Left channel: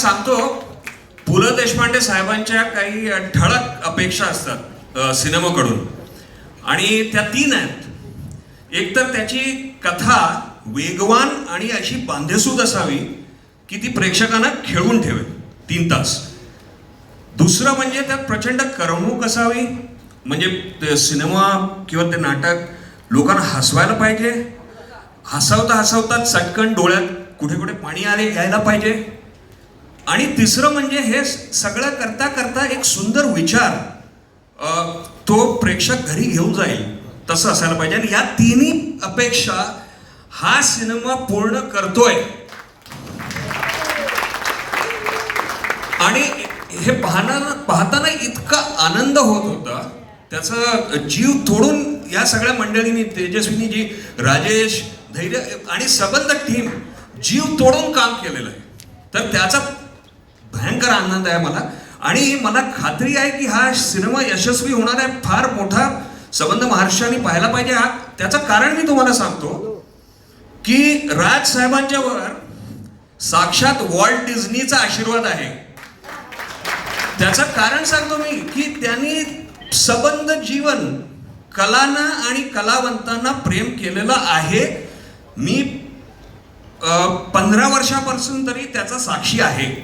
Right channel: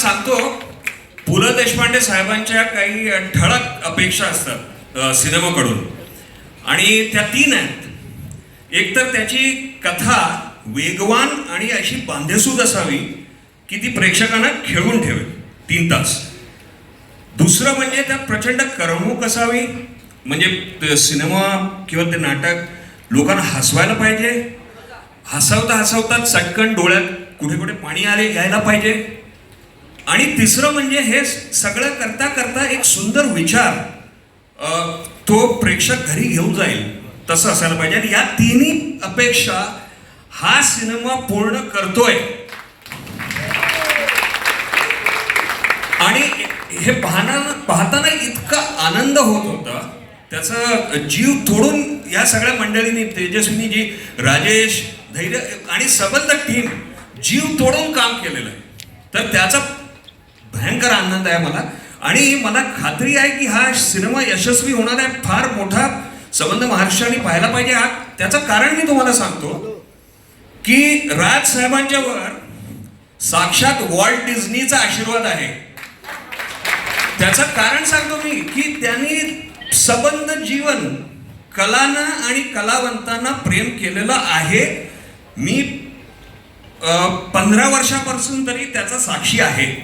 सांगतो, पु ल देशपांडे साहेबांच्या काही ठळक अपेक्षा असतात सिनेमाकडून, आणि त्या 3 आहेत. एक तर त्याची कथा वेगवान आणि अशी बांधेसूद असावी की ती प्रेक्षकांना खेळून ठेवेल 3 तास. दुसरं म्हणजे त्यात प्रचंड करमणूक असावी, म्हणजे सिनेमा किंवा ते नाटक लोकांना हसवायला पाहिजे, हसवता हसवता चटकन डोळ्यात कुठे कुठे पाणी यायला पाहिजे. आणि तिसरं म्हणजे हे सगळं करता करता एक सुंदर विचार तो प्रेक्षक घरी घेऊन जाईल तसं असायला पाहिजे. आणि या 3 अपेक्षा हा सिनेमा पूर्ण करतोय. आणि हे पाहताना इतका आनंद होत होता, त्याचा जीव तोडून या सगळ्या मंडळींनी, तेजस्वीनी जी, राजेश, धैर्य आणि सबंध टीम जीव तोडून काम केलेलं आहे. तर त्याचा भयंकर आनंद आहे मला. आणि मला खात्री आहे की हा सिनेमा यशस्वी होणार आहे. फार मोठा सबंध महाराष्ट्राने पाहायला पाहिजे. हा त्याचं कारण मी तुम्हाला सांगतो की राज साहेबांच्या वर साक्षात वॉल्ट डिझनीचा आशीर्वाद आहे. त्याचं कारण सांगतो मी की त्यांनी सबंध जीवन कलांना आणि कलावंतांना प्रेम केलेलं आहे. मी 15 वर्षापासून तरी त्याचा साक्षी आहे.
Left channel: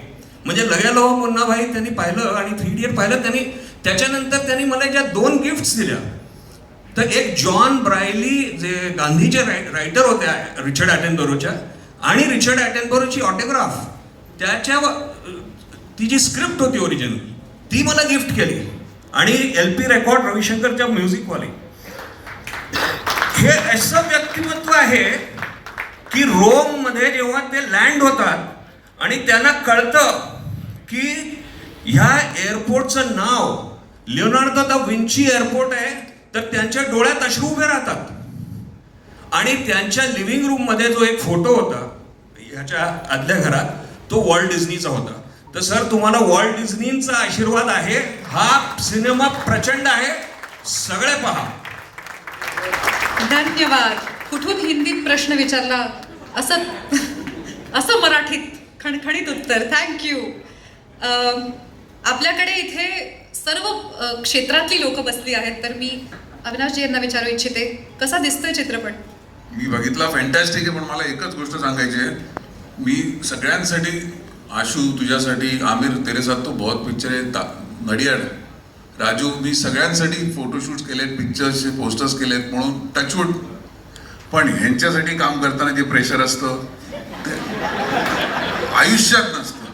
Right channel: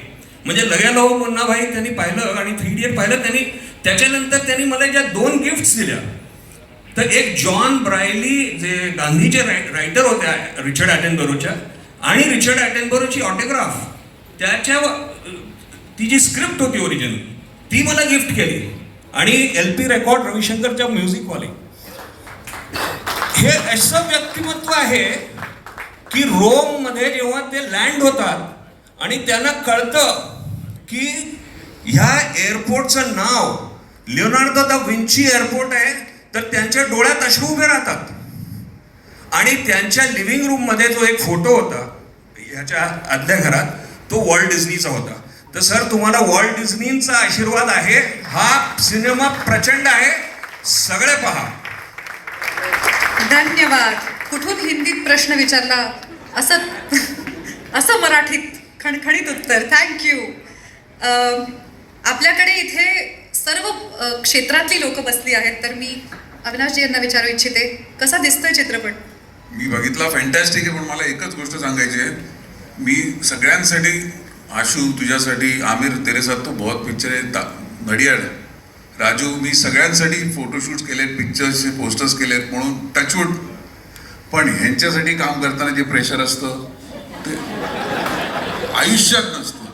म्हणजे लग्या लो मुन्ना भाई त्यांनी पाहिलं आणि 3 इडियट पाहिलं त्यांनी. त्याच्यानंतर त्यांनी मला ज्या 2 गिफ्ट्स दिल्या, तर एक जॉन ब्रायली जे गांधीचे रायटर होत्या रिचर्ड ॲटनबरोच्या, आणि रिचर्ड ॲटनबरोची ऑटोग्राफ, त्याच्या ती जी स्क्रिप्ट होती ओरिजिनल ती मला गिफ्ट केली. आणि LP रेकॉर्ड रविशंकरच्या म्युझिकवाले. हे असं व्यक्तिमत्व आहे की रोममध्ये जेव्हा ते लँड होतात आणि त्यांना कळतं की ह्या एअरपोर्टचं नाव लिओनार्दो दा विंची एअरपोर्ट आहे, तर त्यांच्या डोळ्यात अश्रू उभे राहतात. आणि त्यांच्या लिव्हिंग रूममध्ये जो एक फोटो होता ह्याच्या आदल्या घरात, तो वॉल्ट डिझनीचा होता. तर सर, तुम्हाला वॉल्ट डिझनीचा आशीर्वाद आहे. हा सिनेमा प्रचंड आहे, सगळे पहा. धन्यवाद. कुठून हिंदीत प्रश्न विचारला असं मराठीत खणखणीत उत्तर. थँक्यू. आपल्याकडे इथे सर्व क्षेत्रातली लोक बसली आहेत, तर मी अविनाशजी यांना विचारू इच्छिते, कसा दिसतोय चित्रपट? मी बघितला, फॅन्टॅस्टिक आहे. पण मला एकच गोष्ट सांगायची आहे, मी सगळ्यांसाठी, आशू तुझ्यासाठी, आमिर तेरे साथ तो बहुत पिक्चर आहे, घडियाळ, राजू, मी सगळ्यांसाठी फोटोशूट्स केलेत, पिक्चर्सचे पोस्टर्स केलेत, म्हणून टचवूड. पण ह्यांच्यासाठी काम करताना जे प्रेशर असतं ते आयुष्यात नसतं.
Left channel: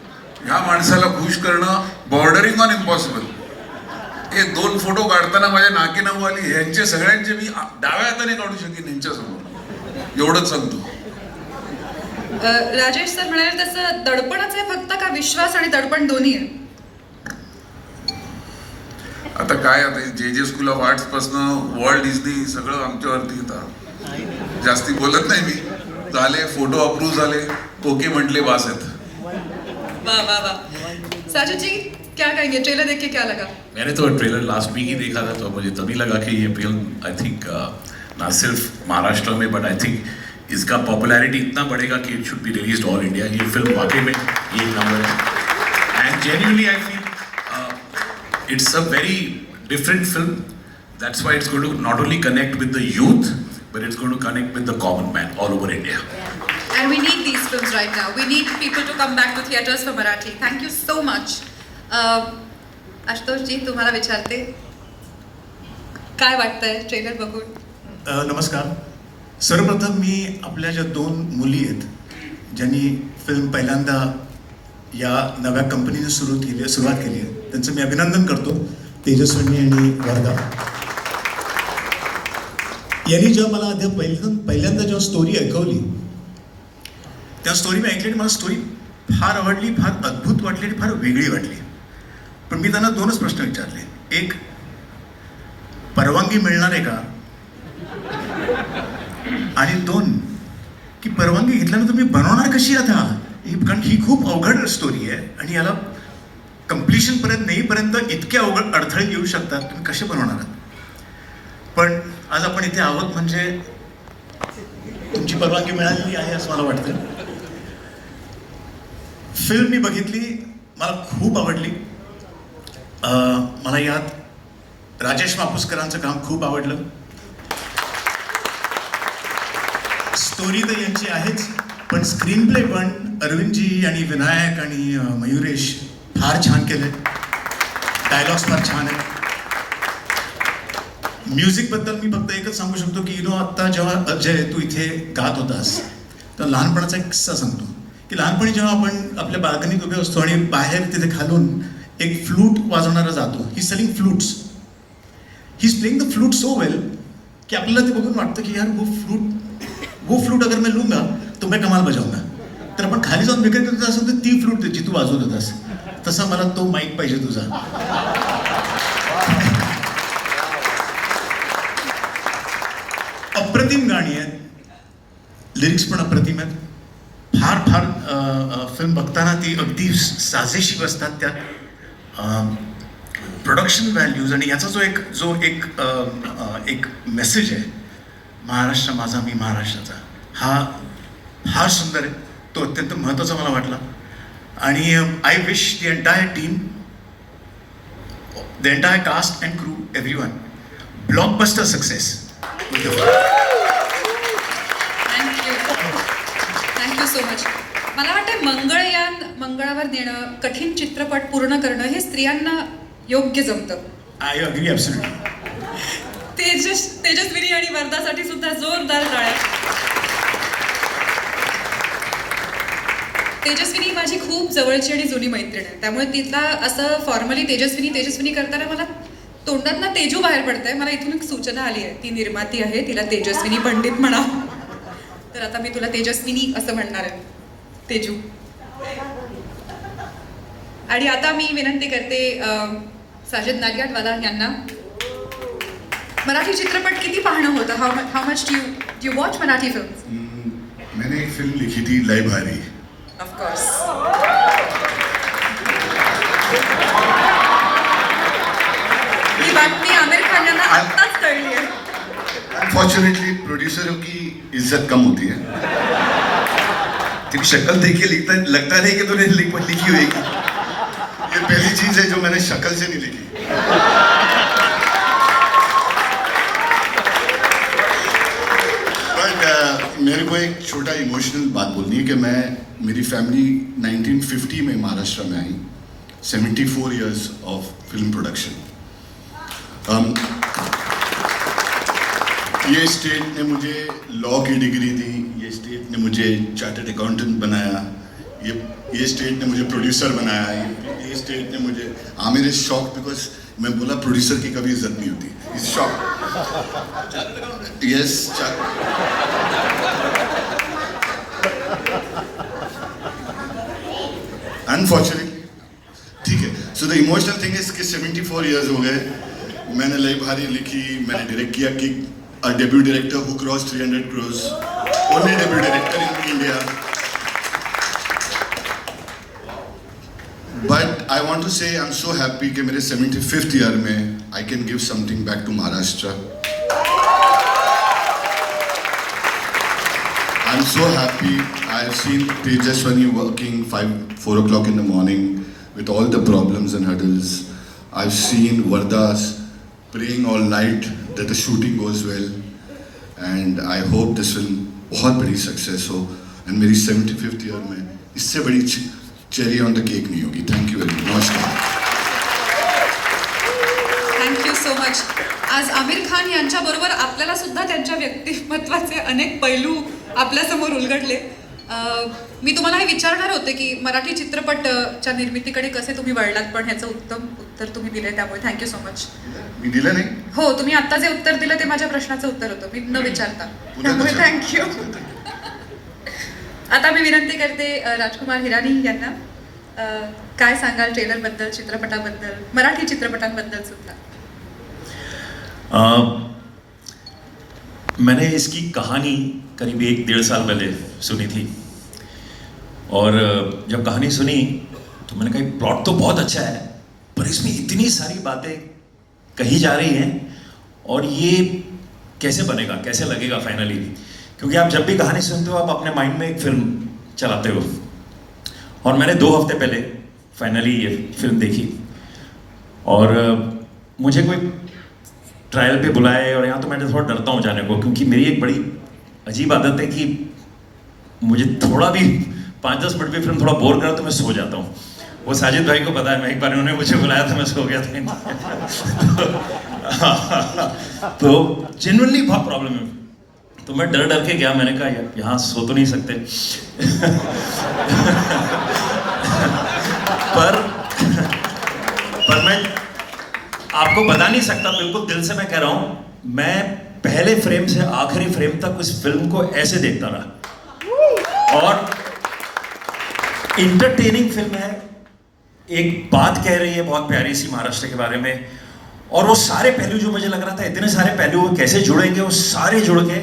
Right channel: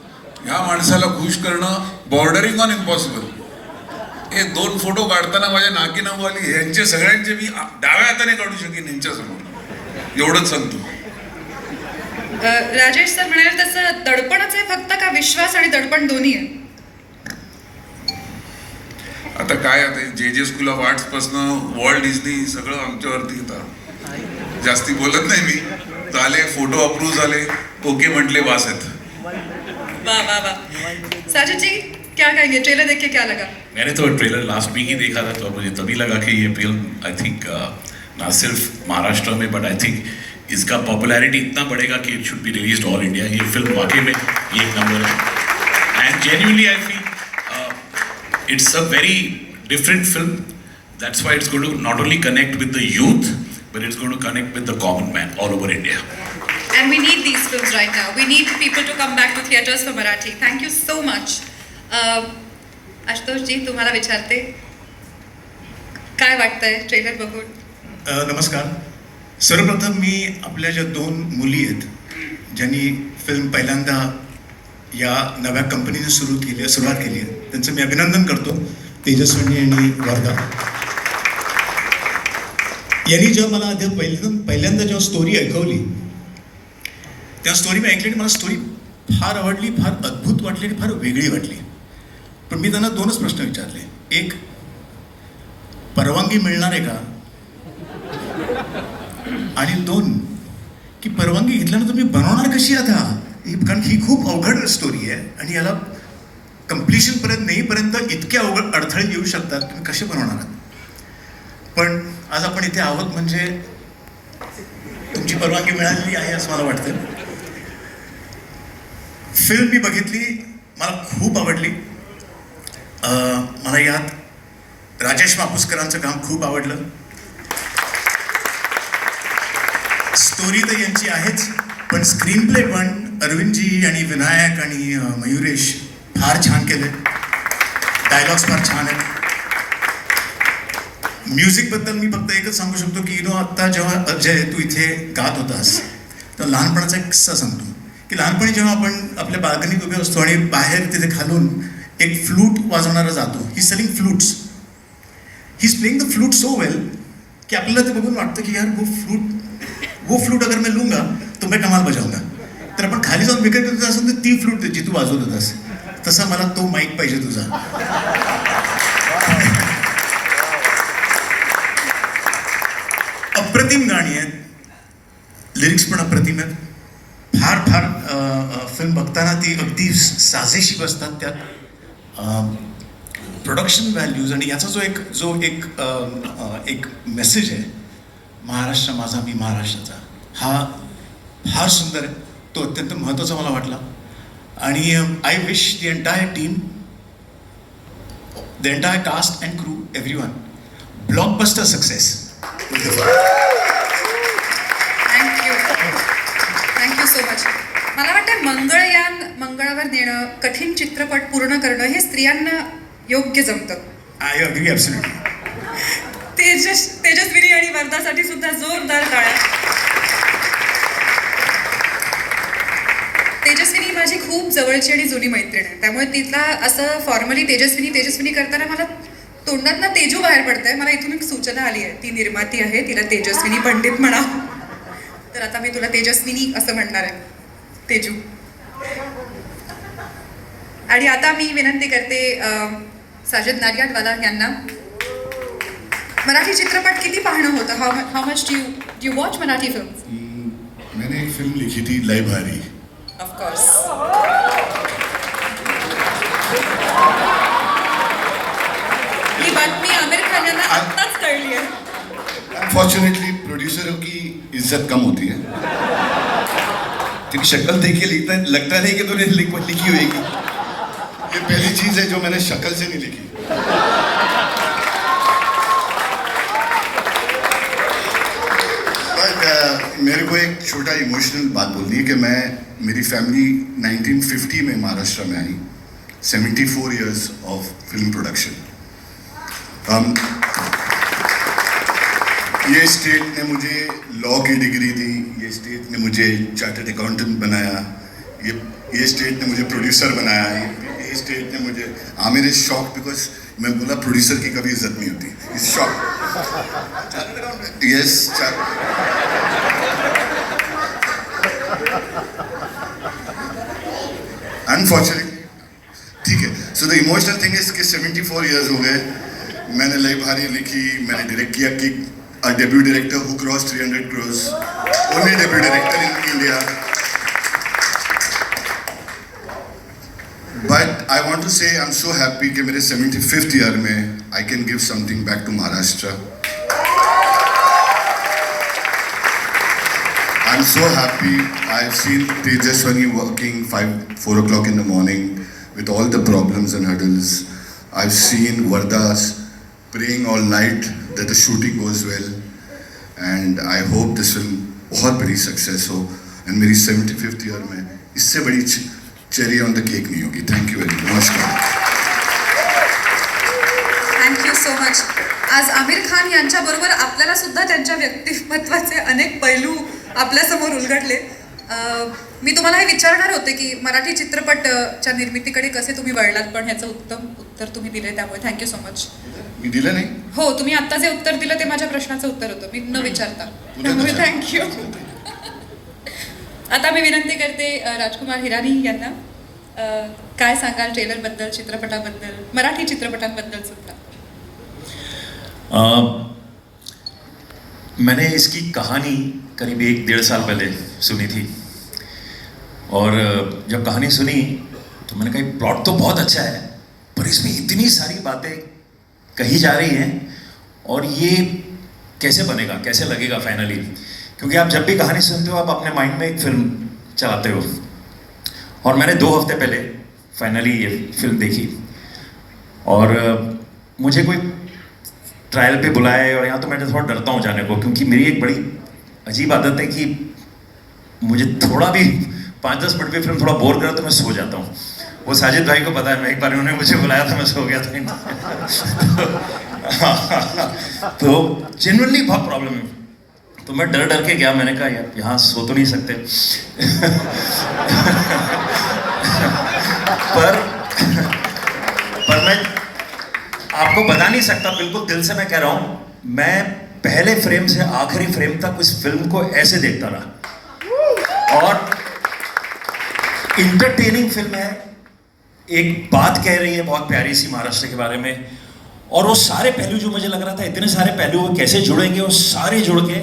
ह्या माणसाला खुश करणं बॉर्डरिंग ऑन इम्पॉसिबल. हे 2 फोटो काढताना माझ्या नाकी नऊ आली. ह्यांचे सगळ्यांचे मी डाव्या हाताने काढू शकेन ह्यांच्यासमोर, एवढंच सांगतो. राजेश सर म्हणाले तसं दडपणच आहे फक्त, का विश्वास आणि दडपण दोन्ही आहे? आता काय, आता जे स्कूल ऑफ आर्ट्स पासनं वॉल्ट डिझनी सगळं आमच्यावरती येतं. जास्ती बोलत नाही मी. झाले, फोटो अप्रूव्ह झाले, ओके म्हटले, बास आहेत. वाह वाह वाह. साजिद जी, क्या कहेंगे? ट्रेलर देख के क्या लगा? मैंने तो ट्रेलर लास्ट वीक ही देखा था, तो मुझे तभी लगा कि ये फिल्म आई थिंक ना सिर्फ महाराष्ट्र में बट आई थिंक इसका पॉपुलैरिटी इतना बढ़ेगा कि it should be released all India. ये फिल्म वाकई में ये नंबर है. And genuinely I feel it's a very different film. That's why it's going to not only connect with the youth but it's going to connect with the common man all over India. And we need these films right now. We need people to come back to theaters for Marathi. Thank you so much. Ashutosh ji, तुम्हाला विचारते, काय वाटतंय trailer बघून? नमस्कार. सर्वप्रथम मी आपल्या ज्या 2 मुली आहेत ज्यांनी फिल्म पहिल्यांदा या नव्या कंपनीने सुरुवात केली आहे, त्यांचं मी अभिनंदन करतो, तेजस्विनी आणि वर्धा. यांनी जेव्हा मला पहिल्यांदा जेव्हा स्टोरी ऐकवली, त्या स्टोरी मी ऐकली आणि मला स्टोरी फार आवडली, फार अद्भुत वाटली आणि फार वेगळी वाटली. पण मी त्यांना 2च प्रश्न विचारले. एक, परवानगी मिळणार आहे का? आणि 2, की परवानगी घेतल्यानंतर मी बनवणार कशी आता? कारण ही खूप अवघड स्टोरी आहे आणि याला कम्प्लिशनपर्यंत नेईपर्यंत इतके अवघड अडथळे येऊ शकतात, तुम्ही कसे बनवणार? पण आज आपण इथे आहोत म्हणजे तुमची परवानगी मिळालेली आहे असं मला वाटतं. फिल्म मी बघितली, मला खूप आवडली. मला यात राजेश मापुसकरांचं काम खूप आवडलं. स्टोरी तर यांची आहेच, पण स्क्रीन प्ले पण अरविंदजी आणि विनायक आणि मयुरेश फार छान केले. डायलॉग्स फार छान आहेत. म्युझिकबद्दल मी फक्त एकच सांगू शकतो की आत्ता जेव्हा अजय तू इथे गात होतास तर लहानपणाचा एक किस्सा सांगतो की लहानपणी जेव्हा आपण आपल्या बाल्कनीत उभे असतो आणि बाहेर तिथे खालून एक फ्लूट वाजवणारा जातो. He selling flutes. He is playing the flute so well की आपल्याला ते बघून वाटतं की यार वो फ्लूट अगर मैं लूंगा तो मैं कमाल बजाऊंगा. तर आपण खाली जाऊन विकत घेत असं तर ती फ्लूट जी तू वाजवत होतास तसा मला तो माईक पाहिजे तुझा. अप्रतिम गाणी आहेत, लिरिक्स पण अप्रतिम आहेत. फार फार फिल्म बघताना ती अगदी साजेशी बसतात. त्यात प्रोडक्शन व्हॅल्यूज आणि याचा जो एक मेसेज आहे, महाराष्ट्र माझा मी महाराष्ट्राचा, हा फार सुंदर आहे. तो अत्यंत महत्त्वाचा मला वाटला. आणि I wish the entire team, the entire cast and crew, everyone, blockbuster success. Thank you so much. मला वाटतं मंगळयान मंगळावर नेणं, कठीण चित्रपट पूर्ण करणं हे स्त्रियांना योग्य जमतं. I agree absolutely. तेजस्विनी आणि वर्धासाठी सुद्धा जोरदार टाळ्या. तेजस्विनी माझी खूप जवळची आणि जुनी मैत्रीण आहे, त्यामुळे तिला असं फॉर्मली तेजस्विनी करताना मला तोंडातनं तेजू बाहेर पडतंय. मला इथून एक सूचना आली आहे. ती निर्माती आहे, तिला तेजस्विनी पंडित म्हणा. तर आता मी तुला तेजस्विनी असं म्हणणार आहे, तेजू. आणि आता मी विनंती करते साजिद नाडियाडवाला यांना. मराठी चित्रपट किती पाहणं होतं? How much do you watch Marathi film? मैंने एक फिल्म लिखी थी, लय भारी. Of course. ही बातमी आमिर खान यांना आत्ताच कळली आहे. अनफॉर्चुनेटली प्रोड्यूसरों की इज्जत कम होती है. क्योंकि शक्ल देख के लगता नहीं कि तूने लिखी होगी. ये पहली चीज है जो मैंने शक्ल से नहीं लिखी. बट मेरे को एक छोटा इमोशनल बात बोलनी है कि मेरी फैमिली 1950 में महाराष्ट्र में आई. 74 years of film production. ये स्टेट ने मुझे लॉ की डिग्री दी, ये स्टेट ने मुझे चार्टर्ड अकाउंटेंट बनाया, ये स्टेट ने मुझे प्रोड्यूसर बनाया, ये स्टेट ने मुझे. आमिर इज शॉक बिकॉज मैं बोला प्रोड्यूसर की कभी इज्जत नहीं होती. Is shock. यस. अनफॉर्चुनेटली ठीक है. So the emotional thing is कि 74 years हो गए. मैंने लय भारी लिखी, मैंने डायरेक्ट किया. कि a debut director who crossed 300 crores, only debut director in India. But I want to say I'm so happy कि मेरे 75th year में I can give something back to Maharashtra. I'm so happy. I've seen Tejaswini working 4 o'clock in the morning with all the problems and hurdles. I've seen Vardas praying all night that the shooting goes well, and I hope this film बहुत बड़ी success हो. End मेरी 75th year में इससे बड़ी cherry on the cake नहीं होगी. Thank you very much. नमस्कार. Thank you so much. आज आमिर खान यांच्याबरोबर आपल्याला सुद्धा त्यांच्या व्यक्तिमत्वाचे अनेक पैलू आपल्यासमोर उलगडले. मी तुम्हाला हे विचारणार होते की मराठी चित्रपटच्या निर्मितीकडे कसे तुम्ही वळलात, पण ह्याचं उत्तम उत्तर तुम्ही दिले, त्यामुळे थँक्यू सो मच. मी दिलं नाही. हो, तुम्ही आत्ता जे उत्तर दिलं ते माझ्या प्रश्नाचं उत्तर होतं, मी न विचारता, त्यामुळे थँक्यू. आता मी विनंती करते राजकुमार हिरानी यांना. काय सांगाल ट्रेलरबद्दल, चित्रपटाबद्दल, मराठी चित्रपटांबद्दल सुद्धा? मैंने इसकी कहानी करीब 1-1.5 साल पहले सुनी थी, और जब कहानी सुनी तो मैंने कहा प्लॉट तो बहुत अच्छा है, पर इसमें इतनी सारी बातें कही जा रही हैं, और ये कैसे बनेगा, कैसे लगेगा फाइनली. क्योंकि आप जब भी कहानी सुनते हो आप अपने माइंड में एक फिल्म चलाते हो, और मैंने 2 हफ्ते पहले फाइनली ये फिल्म देखी और मुझे कोई ट्रायल पे बुलाए और यहाँ तो मैं थोड़ा डरता हूँ जाने को, क्योंकि मेरी एक बड़ी अजीब आदत है कि मुझे थोड़ा भी 5-10 मिनट में फिल्म थोड़ा बोर करा तो मैं सो जाता हूँ। वो साजिद भाई को पता है, मैं एक बार उन्होंने मुझे बुलाया था, मैं सो गया था। तो जेन्युइनली बहुत प्रॉब्लम है, तो मैं डर डर के गया। मैंने कहा यार यहाँ सो तो नहीं सकते। पर मैं आपको बता नहीं सकता, बिल्कुल दिल से मैं कह रहा हूँ, मैं पहले फ्रेम से आखिरी फ्रेम तक इस फिल्म को ऐसे देखता रहा। और इंटरटेनिंग फिल्म है, एक बात कह रही है बहुत प्यारी सी महाराष्ट्र के बारे में, और वो सारे पहलू जो मुझे लग रहा था इतने सारे पहलू वो कैसे जुड़ेंगे, वो सारे जुड़ के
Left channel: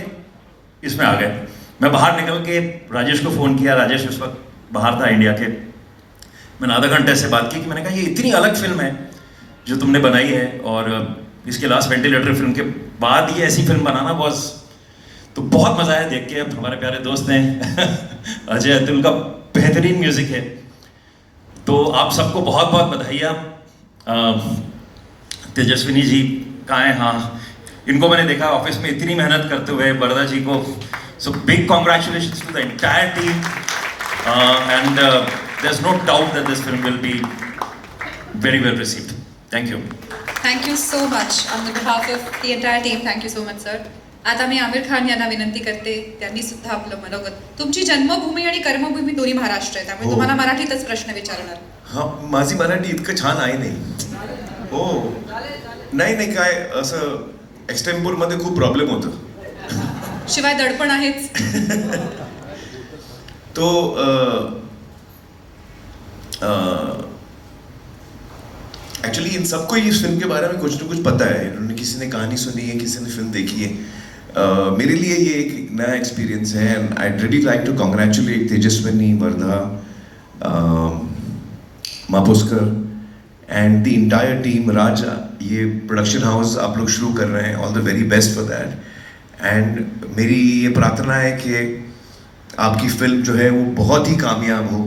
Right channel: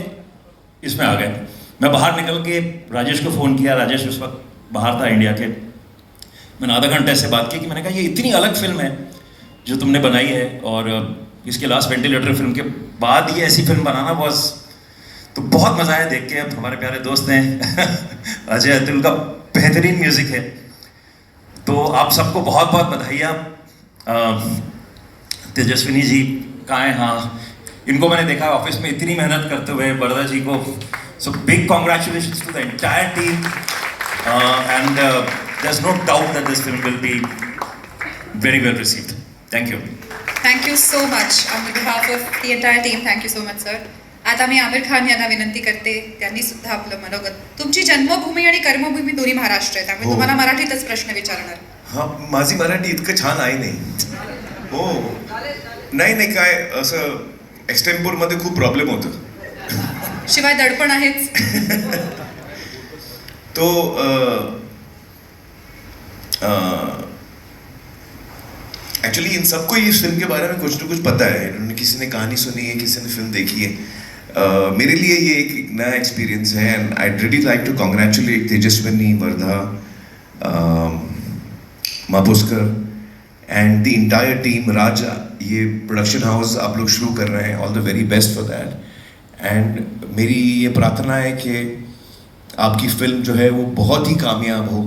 इसमें आ गए। मैं बाहर निकल के राजेश को फ़ोन किया, राजेश उस वक्त बाहर था इंडिया के। मैंने आधा घंटे से बात की कि मैंने कहा ये इतनी अलग फिल्म है जो तुमने बनाई है, और इसके लास्ट वेंटिलेटर फिल्म के बाद ये ऐसी फिल्म बनाना बॉस, तो बहुत मज़ा आया देख के। अब हमारे प्यारे दोस्त ने अजय अतुल का बेहतरीन म्यूज़िक है, तो आप सबको बहुत बहुत बधाइयाँ। तेजस्विनी जी कहाँ हैं? हाँ, इनको मैंने देखा ऑफिस में इतनी मेहनत करते हुए, वरदा जी को। So big congratulations to the entire team, and there is no doubt that this film will be very well received. Thank you. Thank you so much on the behalf of the entire team. Thank you so much sir. आता मी आमिर खान यांना विनंती करते, त्यांनी सुद्धा आपलं मनोगत. तुमची जन्मभूमी आणि कर्मभूमी दोन्ही महाराष्ट्र आहे, त्यामुळे हो. तुम्हाला मराठीतच प्रश्न विचारणार. हां, माझी मराठी इतकं छान आहे नाही. हो, नाही काय असं एक्सटेम्पोरमध्ये खूप प्रॉब्लेम होतो. शिवाय दडपण आहेच. तो एक्चुअली इन सबको इस फिल्म के बारे में कुछ ना कुछ पता है. इन्होंने किसी ने कहानी सुनी है, किसी ने फिल्म देखी है. मेरे लिए ये एक नया एक्सपीरियंस है, and I really like to congratulate Tejaswini, Wardha, Mapuskar and the entire team. Raja, ये प्रोडक्शन हाउस आप लोग शुरू कर रहे हैं, all the very best for that. And मेरी ये प्रार्थना है कि आपकी फिल्म जो है वो बहुत ही कामयाब हो,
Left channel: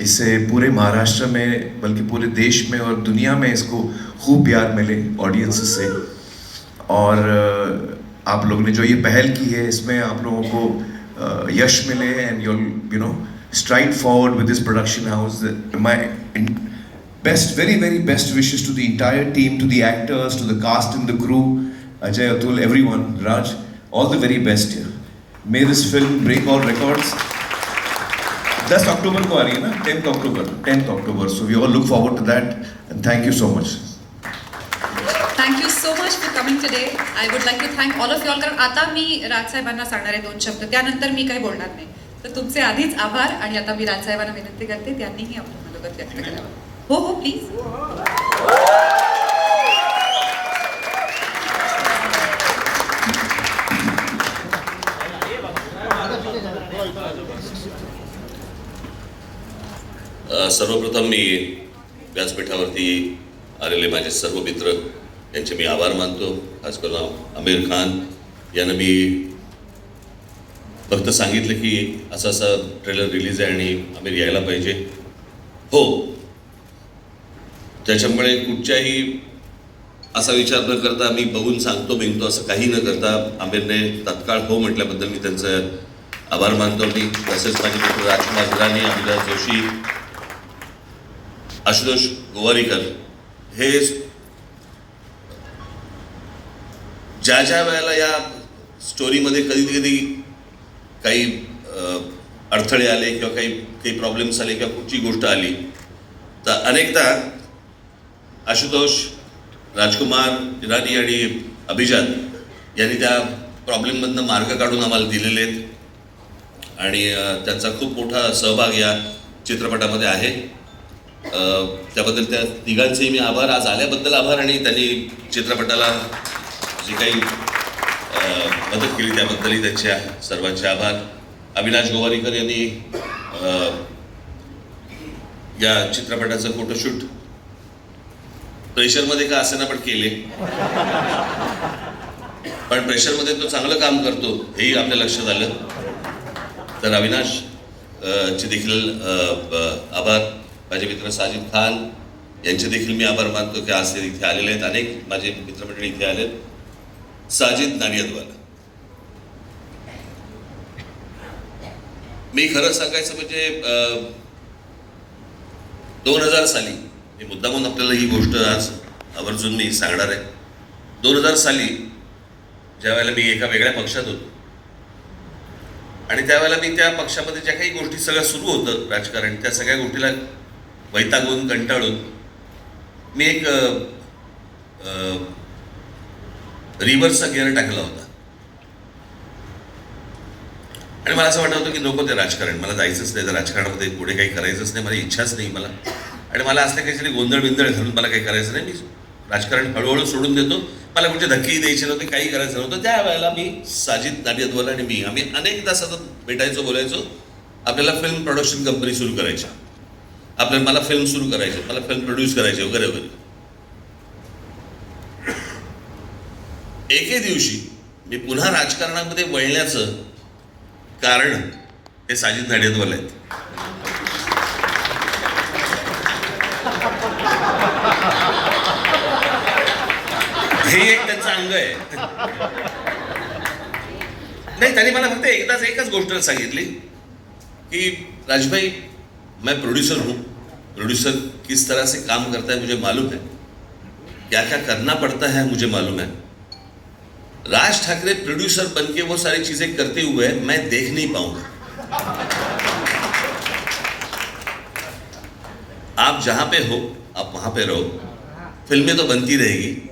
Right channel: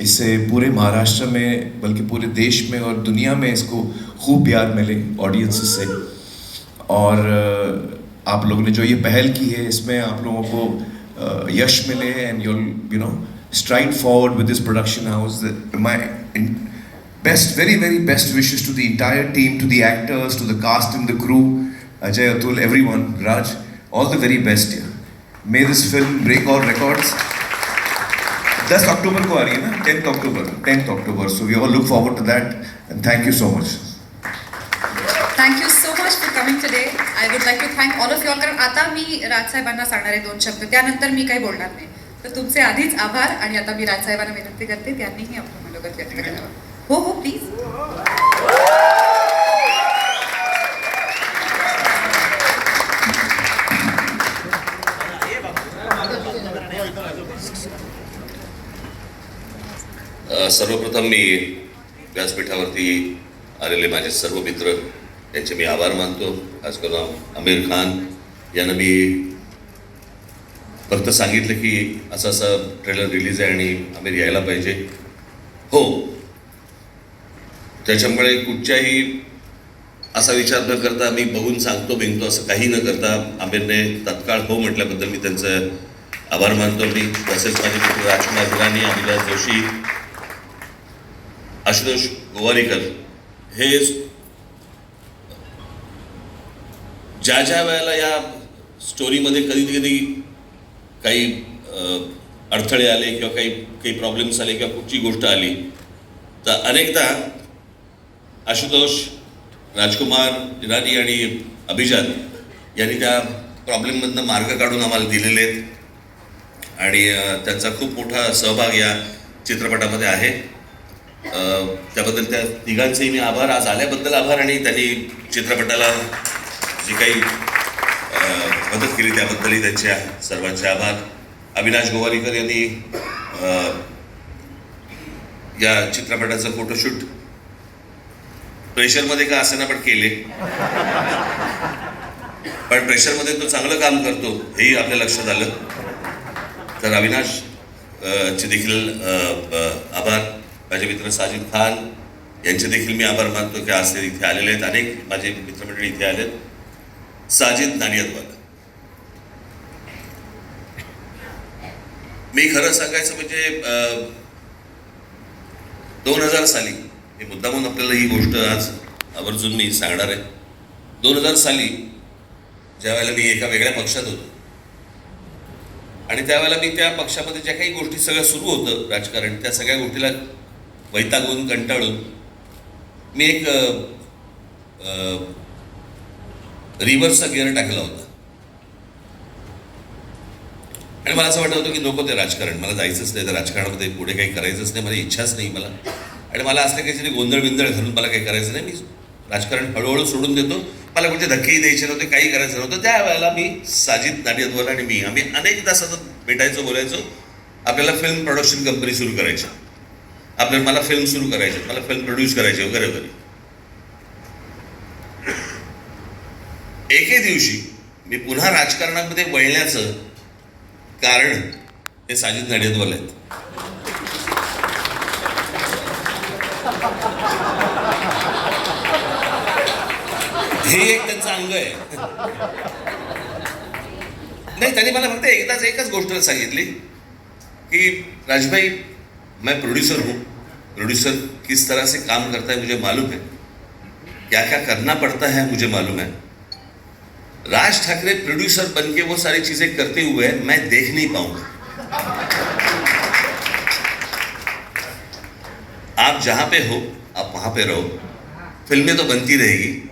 इससे पूरे महाराष्ट्र में बल्कि पूरे देश में और दुनिया में इसको खूब प्यार मिले ऑडियंस से. और आप लोग ने जो ये पहल की है इसमें आप लोगों को यश मिले, end you know stride forward with this production house. My best, very very best wishes to the entire team, to the actors, to the cast and the crew, Ajay, Atul, everyone, Raj, all the very best. May this film break all records. 10 अक्टूबर को आ रही है ना, 10th October. So we all look forward to that, and thank you so much. Thank you so much for coming today. I would like to thank all of you all. कारण आता मी राजसाहेबांना सांगणार आहे 2 शब्द, त्यानंतर मी काही बोलणार नाही. तर तुमचे आधीच आभार, आणि आता मी राजसाहेबांना विनंती करते त्यांनीही आपलं मनोगत व्यक्त करावं. हो हो प्लीज. सर्वप्रथम मी व्यासपीठावरती आलेले माझे सर्व मित्र यांचे मी आभार मानतो. खास करून आमिर खान यांना मी फक्त सांगितलं की असं असं ट्रेलर रिलीज आहे आणि आमिर यायला पाहिजे. हो, त्याच्यामुळे कुठच्याही असा विचार न करता मी बघून सांगतो बिनतो असं काही न करता आमिरने तत्काळ हो म्हटल्याबद्दल मी त्यांचं आभार मानतो. मी तसेच माझे मित्र राजकुमार हिरानी, अभिलाष जोशी, आशुतोष गोवारीकर हे ज्या ज्या वेळेला या स्टोरीमध्ये कधी कधी काही अडथळे आले किंवा काही प्रॉब्लेम्स आले किंवा कुठची गोष्ट आली तर अनेकदा आशुतोष, राजकुमार हिरानी आणि अभिजात यांनी त्या प्रॉब्लेममधनं मार्ग काढून आम्हाला दिलेले आहेत, आणि त्यांचा खूप मोठा सहभाग या चित्रपटामध्ये आहे. त्याबद्दल त्या तिघांचेही मी आभार, आज आल्याबद्दल आभार, आणि त्यांनी चित्रपटाला जी काही मदत केली त्याबद्दलही त्यांच्या सर्वांचे आभार. अविनाश गोवारीकर यांनी या चित्रपटाचं फोटोशूट प्रेशरमध्ये का असेना पण केले, पण प्रेशरमध्ये तो चांगलं काम करतो हेही आपल्या लक्षात आलं. तर अविनाश, चे देखील आभार. माझे मित्र साजिद खान यांचे देखील मी आभार मानतो की आज ते इथे आलेले आहेत. अनेक माझे मित्रमंडळी इथे आलेत. साजिद नाडियादवाला, मी खरं सांगायचं म्हणजे 2000 साली, मी मुद्दामून आपल्याला ही गोष्ट आज आवर्जून मी सांगणार आहे. 2000 साली ज्या वेळेला मी एका वेगळ्या पक्षात होतो आणि त्यावेळेला मी त्या पक्षामध्ये ज्या काही गोष्टी सगळ्या सुरू होतं राजकारण, त्या सगळ्या गोष्टीला वैतागून कंटाळून मी एक रिव्हर्सचा गिअर टाकला होता आणि मला असं वाटत होतं की नको ते राजकारण, मला जायचंच नाही, त्या राजकारणामध्ये पुढे काही करायचंच नाही, माझी इच्छाच नाही मला. आणि मला असल्या काहीतरी गोंधळ बिंदळ घालून मला काही करायचं नाही, मी राजकारण हळूहळू सोडून देतो, मला कुठे धक्केही द्यायचे नव्हते, काही करायचं नव्हतं. त्यावेळेला मी साजिद नाडियादवाला आणि मी आम्ही अनेकदा सतत भेटायचो, बोलायचो. आपल्याला फिल्म प्रोडक्शन कंपनी सुरू करायची, मला फिल्म सुरू करायची, मला फिल्म प्रोड्यूस करायची वगैरे वगैरे. एके दिवशी मी पुन्हा राजकारणामध्ये वळण्याचं कारण हे साजिद नाडियादवाला आहेत. हे एक त्यांचं अंग आहे. नाही, त्यांनी मला फक्त एकच गोष्ट सांगितली की राजभाई, मैं प्रोड्यूसर हूँ, प्रोड्यूसर किस तरह से काम करता है मुझे मालूम है, क्या क्या करना पड़ता है मुझे मालूम है. राज ठाकरे प्रोड्यूसर बनके वो सारी चीजें करते हुए मैं देख नहीं पाऊंगा. आप जहां पे हो आप वहां पे रहो, फिल्में तो बनती रहेगी,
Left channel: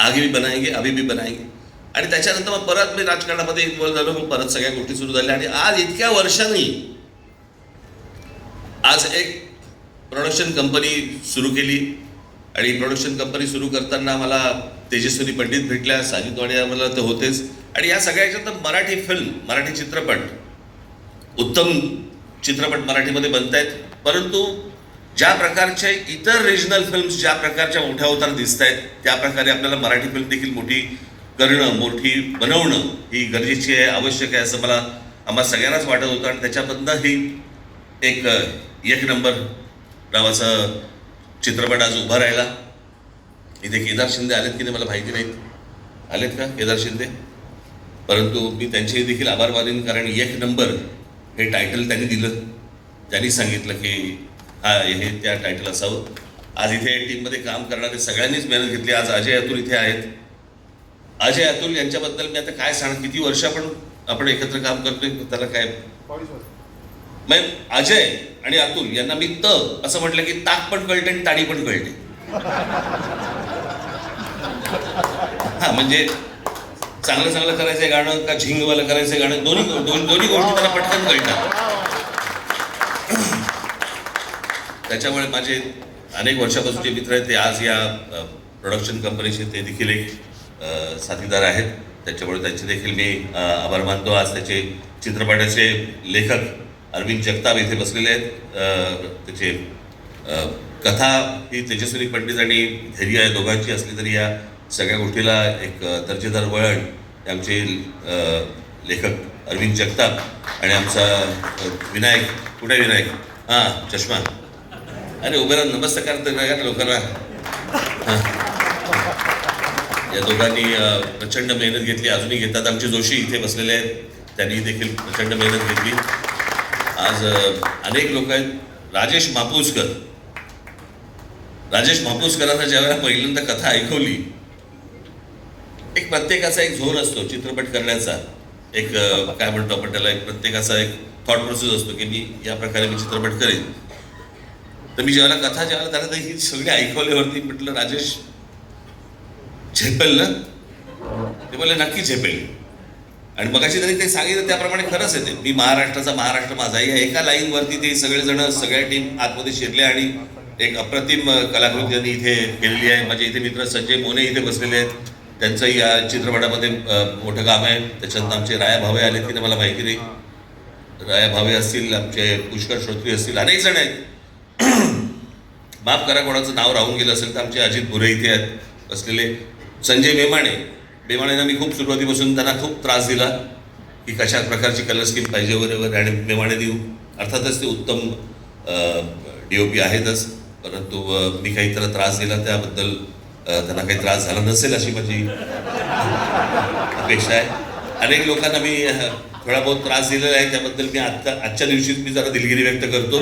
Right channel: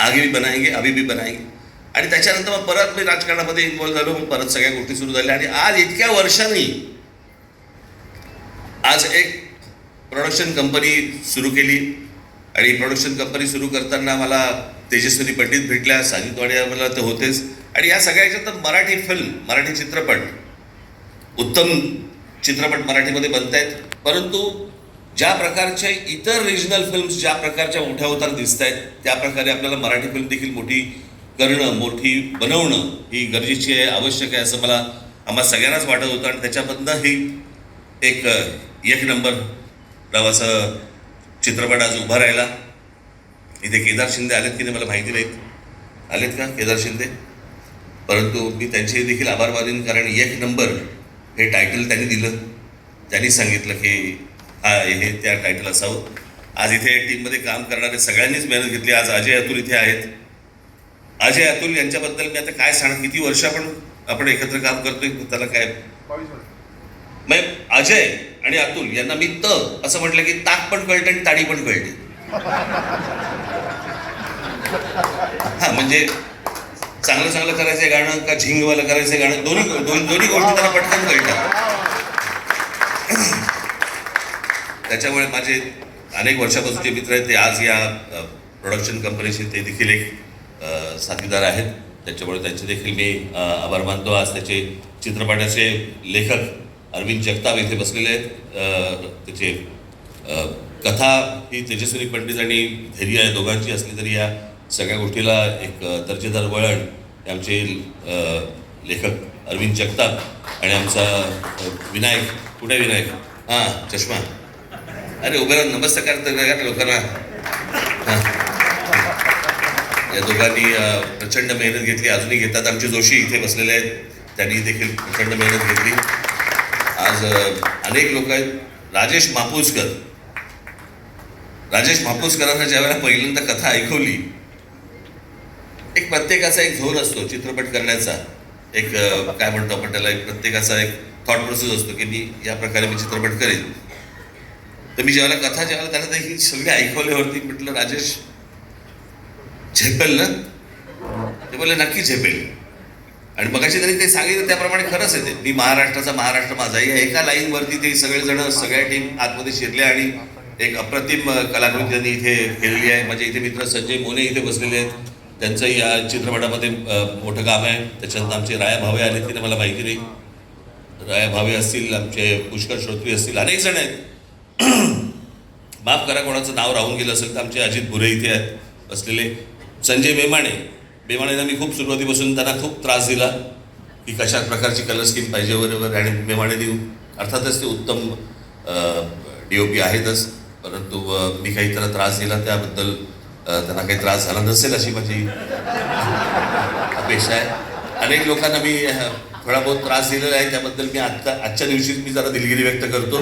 आगे भी बनाएंगे, अभी भी बनाएंगे. आणि त्याच्यानंतर मग परत मी राजकारणामध्ये इन्व्हॉल्व झालो, मग परत सगळ्या गोष्टी सुरू झाल्या आणि आज इतक्या वर्षांनी आज एक प्रोडक्शन कंपनी सुरू केली. आणि प्रोडक्शन कंपनी सुरू करताना मला तेजस्विनी पंडित भेटल्या, साजिद नाडियादवाला तर होतेच, आणि या सगळ्याच्या तर मराठी फिल्म, मराठी चित्रपट, उत्तम चित्रपट मराठीमध्ये बनत आहेत. परंतु ज्या प्रकारचे इतर रिजनल फिल्म्स ज्या प्रकारच्या मोठ्या होताना दिसत आहेत, त्या प्रकारे आपल्याला मराठी फिल्म देखील मोठी करणं, मोठी बनवणं ही गरजेची आहे, आवश्यक आहे असं मला आम्हाला सगळ्यांनाच वाटत होतं. आणि त्याच्यामधनं ही एक नंबर नावाचा चित्रपट आज उभा राहिला. इथे केदार शिंदे आलेत की नाही मला माहिती नाही, आलेत का केदार शिंदे? परंतु मी त्यांचे देखील आभार मानेन, कारण एक नंबर हे टायटल त्यांनी दिलं, त्यांनी सांगितलं की हे त्या टायटल असावं. आज इथे टीममध्ये काम करणारे सगळ्यांनीच मेहनत घेतली. आज अजय अतुल इथे आहेत. अजय अतुल यांच्याबद्दल मी आता काय सांग, किती वर्ष आपण एकत्र काम करतोय, त्याला काय, मग अजय आणि अतुल यांना मी असं म्हटलं की ताक पण कळतं आणि ताडी पण कळते. हा, म्हणजे चांगलं चांगलं करायचं गाणं का झिंगवालं करायचं गाणं, दोन्ही गोष्टी त्याला पटकन कळतात. त्याच्यामुळे माझे अनेक वर्षापासूनचे मित्र आहेत, ते आज या प्रोडक्शन कंपनीचे ते देखील एक साथीदार आहेत. त्याच्यामुळे त्यांचे देखील मी आभार मानतो. आज त्याचे चित्रपटाचे लेखक अरविंद जगताप इथे बसलेले आहेत. त्याचे कथा ही तेजस्विनी पंडित आणि धैर्य या दोघांची असली तरी या सगळ्या गोष्टीला एक दर्जेदार वळण आमचे लेखक अरविंद जगताप आणि आमचा विनायक, कुठे विनायक, हां चष्मा, अरे उभे राहा, नमस्कार करता लोकांना. हां, या दोघांनी प्रचंड मेहनत घेतली, अजूनही घेतात. आमचे जोशी इथे बसलेले आहेत, त्यांनी देखील प्रचंड मेहनत घेतली. आज अनेक लोक आहेत. राजेश मापुसकरांना ज्यावेळेला पहिल्यांदा कथा ऐकवली, एक प्रत्येकाचा एक झोन असतो चित्रपट करण्याचा, एक काय म्हणतो आपण त्याला, एक प्रत्येकाचा एक थॉट प्रोसेस असतो की मी या प्रकारे मी चित्रपट करेन. तर मी ज्यावेळेला त्यांना ही सगळी ऐकवल्यावरती म्हटलं, राजेश झेपेल ना? ते बोलले नक्की झेपेल. आणि मगाशी त्यांनी ते सांगितलं त्याप्रमाणे खरंच आहे. ते मी महाराष्ट्राचा महाराष्ट्र माझा या एका लाईनवरती ते सगळेजण, सगळ्या टीम आतमध्ये शिरले आणि एक अप्रतिम कलाकृती त्यांनी इथे केलेली आहे. माझे इथे मित्र संजय मोने इथे बसलेले आहेत, त्यांचंही या चित्रपटामध्ये मोठं काम आहे. त्याच्यानंतर आमचे राया भावे आले की नाही मला माहिती नाही, राया भावे असतील, आमचे पुष्कर श्रोत्री असतील, अनेक जण आहेत. माफ करा कोणाचं नाव राहून गेलं असेल तर आमचे अजित भुरे इथे आहेत बसलेले. संजय मेमाणेंना मी खूप सुरुवातीपासून त्यांना खूप त्रास दिला, की कशा प्रकारची कलर स्कीम पाहिजे वगैरे आणि नेमाने देऊ. अर्थातच ते उत्तम DOP आहेतच, परंतु मी काही त्यांना त्रास दिला त्याबद्दल त्यांना काही त्रास झाला नसेल अशी माझी अपेक्षा आहे. अनेक लोकांना मी थोडा बहुत त्रास दिलेला आहे, त्याबद्दल मी आजच्या दिवशीच मी जरा दिलगिरी व्यक्त करतो,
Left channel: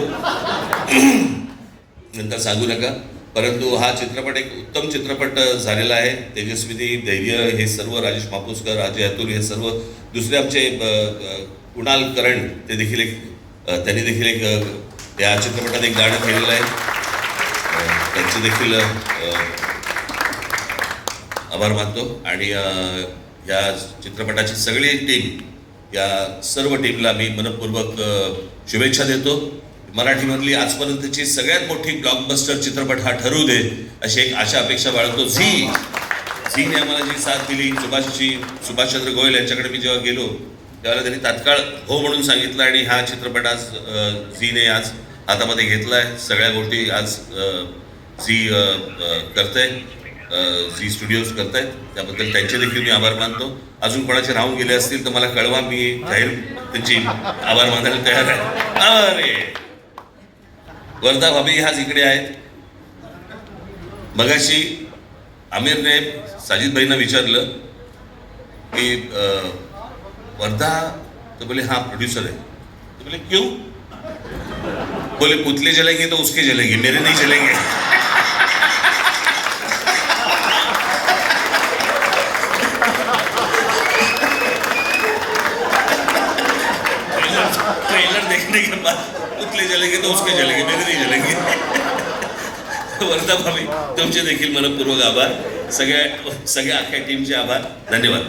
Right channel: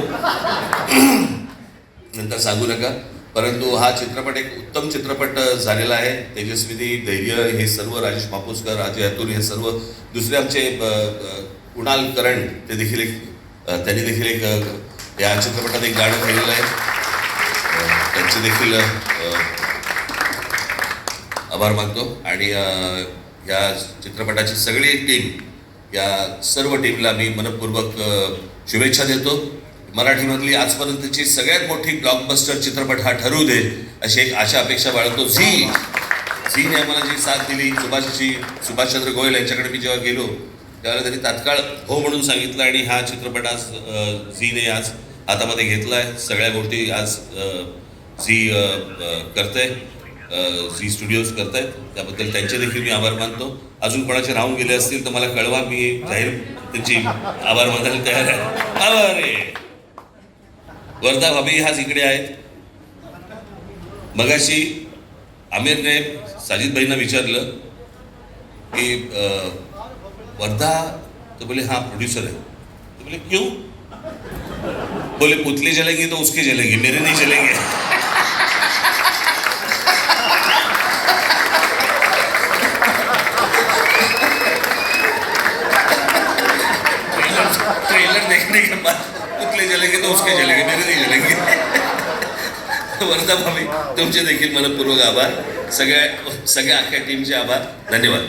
नंतर सांगू नका. परंतु हा चित्रपट एक उत्तम चित्रपट झालेला आहे. तेजस्विनी, धैर्य हे सर्व, राजेश मापुसकर, अजय अतुल हे सर्व, दुसरे आमचे कुणाल करण ते देखील त्यांनी देखील या चित्रपटात एक गाणं केलेलं आहे. त्यांचे देखील आभार मानतो. आणि या चित्रपटाची सगळी टीम, या सर्व टीमला मी मनपूर्वक शुभेच्छा देतो. मराठीमधली आजपर्यंतची सगळ्यात मोठी ब्लॉकबस्टर चित्रपट हा ठरू दे अशी एक आशा अपेक्षा बाळगतो. झीने आम्हाला जी साथ दिली, सुभाषचंद्र गोयल यांच्याकडे मी जेव्हा गेलो त्यावेळेला त्यांनी तात्काळ हो म्हणून सांगितलं आणि हा चित्रपट आज झीने आज हातामध्ये घेतला आहे. सगळ्या गोष्टी आज झी करतंय, झी स्टुडिओज करतायत, त्याबद्दल त्यांचे देखील मी आभार मानतो. अजून कोणाचे राहून गेले असतील तर मला कळवा, मी जाहीर त्यांची आभार मानायला तयार आहे. आभार आहे. वर्धा भाभी आज इकडे आहेत. मगाशी आमिरने साजिद भाईंना विचारलं की वर्धा, तो बोले हाँ प्रोड्यूसर है. तो बोले क्यों? बोले पुतले जलेंगे तो उसके जलेंगे, मेरे नहीं जलेंगे. ट्रेलर देखने के बाद पुतले जलेंगे तो उसके जलेंगे, मेरे नहीं जलेंगे. वर्धा भाभी तुमचे देखील मनपूर्वक आभार. सगळ्या अख्ख्या टीमचे आभार. धन्यवाद.